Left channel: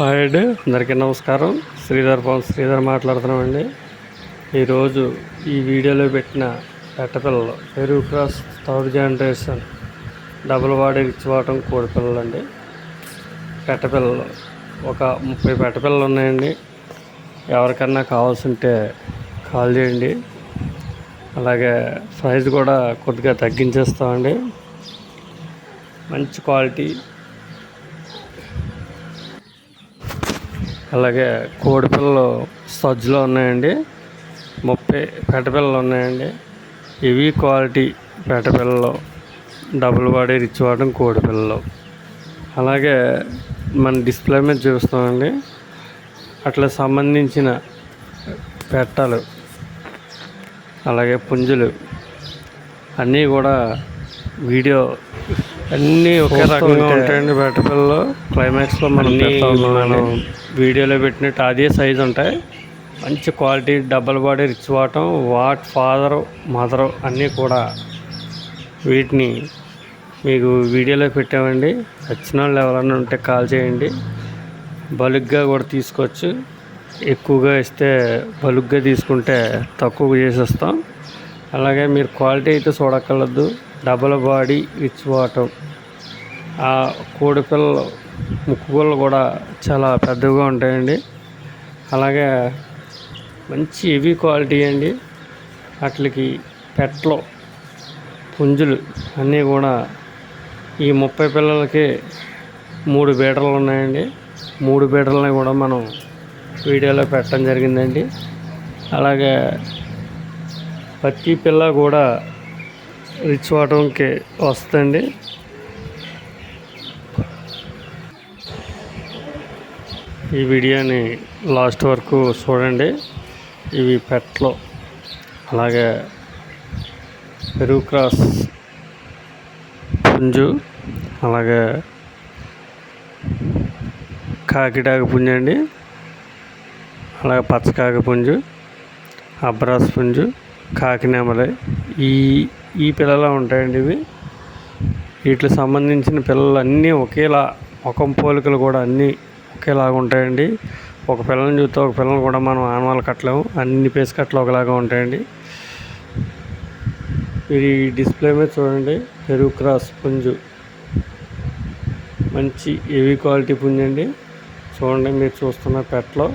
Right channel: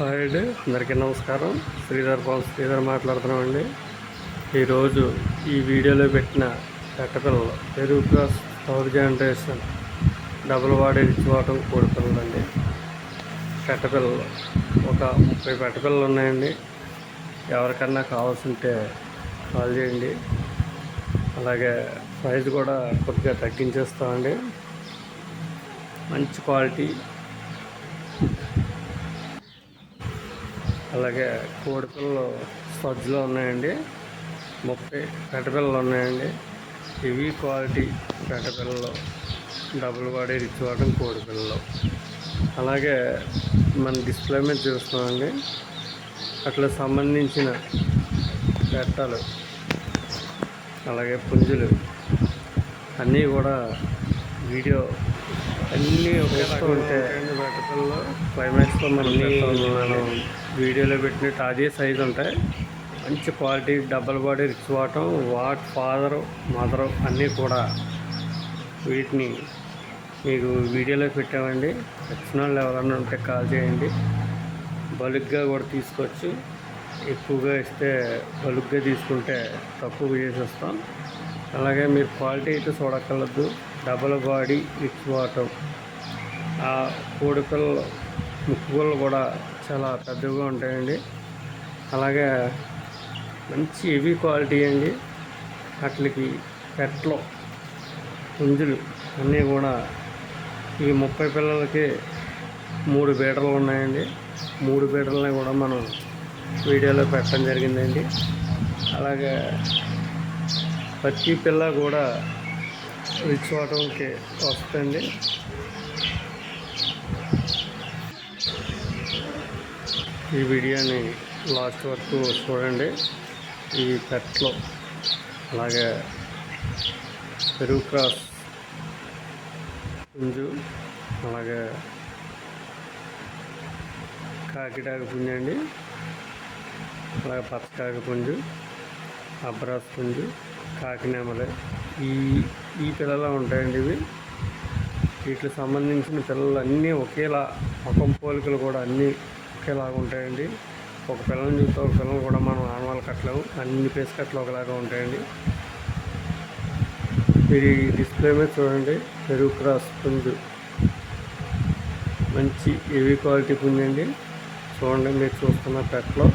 Hi అండి, అందరికీ నమస్కారం. శ్రీధర్ మాట్లాడుతున్నామండి. ఈరోజు ఈ వీడియోలో పెట్టిన పెట్టపిల్లలు పెరుగు cross third generation double body రిచ్వాటం కోడిపిల్లలు అండి. పెట్టపిల్లలు ఒక 30 పెట్టపిల్లలు ఉన్నాయండి. ఎవరికన్నా కావాల్సింటే కాల్ చేయండి. అలాగే ప్రైస్ కూడా కొద్దిగా తగ్గించేస్తామండి. మంచి క్వాలిటీ, అలాగే కోడిపిల్లలు సజ్జలో ఉన్నాయండి. 30 పెట్టపిల్లలు ఉన్నాయండి. ఇవి క్వాలిటీ పెట్టపిల్లలు, డబుల్ బాడీ రిచ్ వాటం కోడిపిల్లలు. అలాగే మన డిస్ప్లే మీద చూస్తామండి. అట్లా సంబంధించిన పెట్టలు, అలాగే పుంజులు అన్నీ కూడా వీడియో అన్నీ ఒకే రకంగా ఉంటాయండి. పెట్టపిల్లలు క్లైమాక్స్లో మనం వీడియోలో పెట్టినట్టు అదే సైజు ఉంటాయి. మంచి క్వాలిటీ డబల్ బాడీ రిచ్ వాటం ఫాదరు మదరు అన్నీ కూడా వీటిని మీకు వీడియోలో పెట్టామండి. వచ్చిన వాళ్ళు ఎవరైనా ఉంటే కాల్ చేయండి. బల్క్గా కూడా తీసుకోవచ్చు. ఎక్కువగా ఇస్తే బల్క్గా తీసుకుంటే తక్కువ చేసేస్తాం. అలాగే మీరు క్వాలిటీ అయితే చూడక్కర్లేదు. డబల్ బాడీ రిచ్ వాటం. ఆ కోడిపిల్లలు ముక్కుగోళ్ళు కూడా చాలా పెద్దగా ఉంటాయండి. అలాగే మంచి హెవీ క్వాలిటీ అండి. వాటికి పెట్టలు, పుంజులు అన్నీ కూడా ఈ 30 పిల్లలకి 3 బీటలు ఉన్నాయండి. 3 బీటలని కూడా మనం వీడియోలో పెట్టడం జరిగిందండి. అలాగే ప్రతి పిల్ల కూడా రిచ్ వాటంకి వస్తుంది. ఈ వీడియోని లాస్ట్ వరకు చూడండి. ఇవి పెట్టలు, అలాగే పెరుగు క్రాస్ పుంజు, అలాగే కాకిటాక పుంజు అండి, అలాగే పచ్చకాకి పుంజు, అబ్రాస్ పుంజు, కాకినేమలే ఈ పిల్లలు ఉంటాయండి. వీటికి సంబంధించిన పిల్లలు అన్నీ ఒకేలా, ముఖం పోలికలు కూడా అన్నీ ఒకేలాగా ఉంటాయండి. ఒక పిల్లని చూస్తే ఒక పిల్లని కూడా మనం ఆనవాళ్ళు కట్టలేము. అన్ని పేస్ కట్టలు ఒకలాగా ఉంటాయండి. ఇది డిస్ప్లే మీద చూడండి. పెరుగు క్రాస్ పుంజు మంచి హెవీ క్వాలిటీ పుంజు అండి. చూడండి, మీరు చూస్తున్న పెట్టలో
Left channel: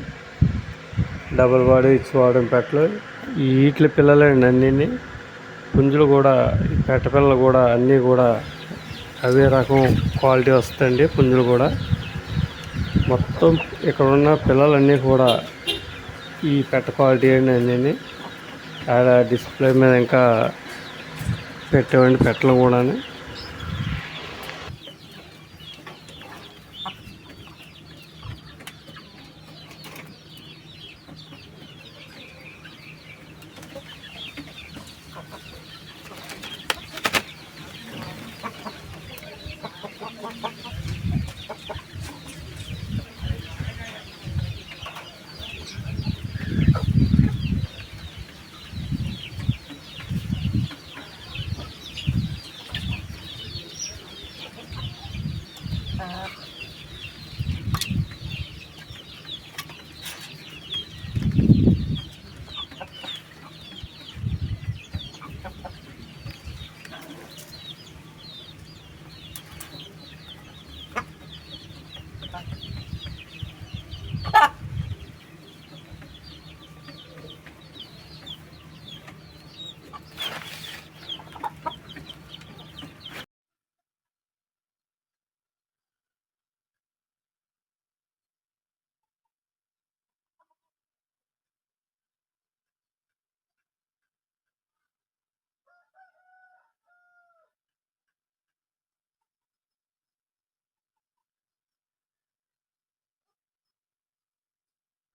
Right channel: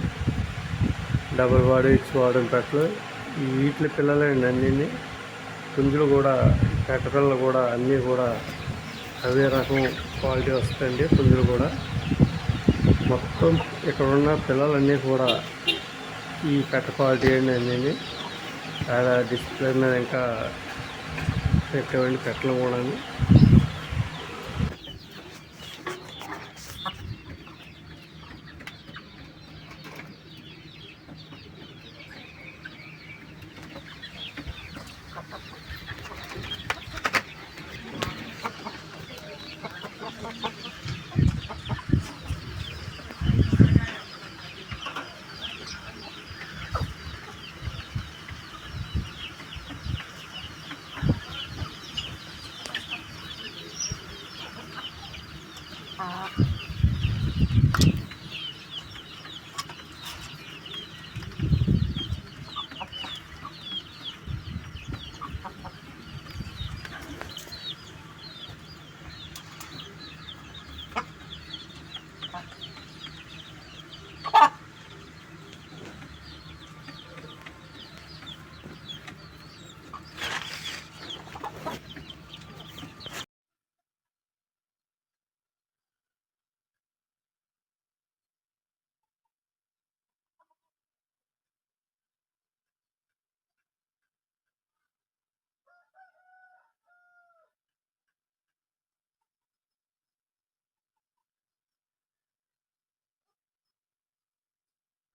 డబుల్ బాడీ వాడడం పెట్టలు వీటి పిల్లలే అండి. అన్నీ పుంజులు కూడా, పెట్ట పిల్లలు కూడా అన్నీ కూడా అవే రకం క్వాలిటీ వస్తాయండి. పుంజులు కూడా మొత్తం ఇక్కడ ఉన్న పిల్లలన్నీ కూడా ఈ పెట్ట క్వాలిటీ అండి. అన్నీ అలా డిస్ప్లే మీద ఇంకా పెట్టేవండి పెట్టలు కూడా.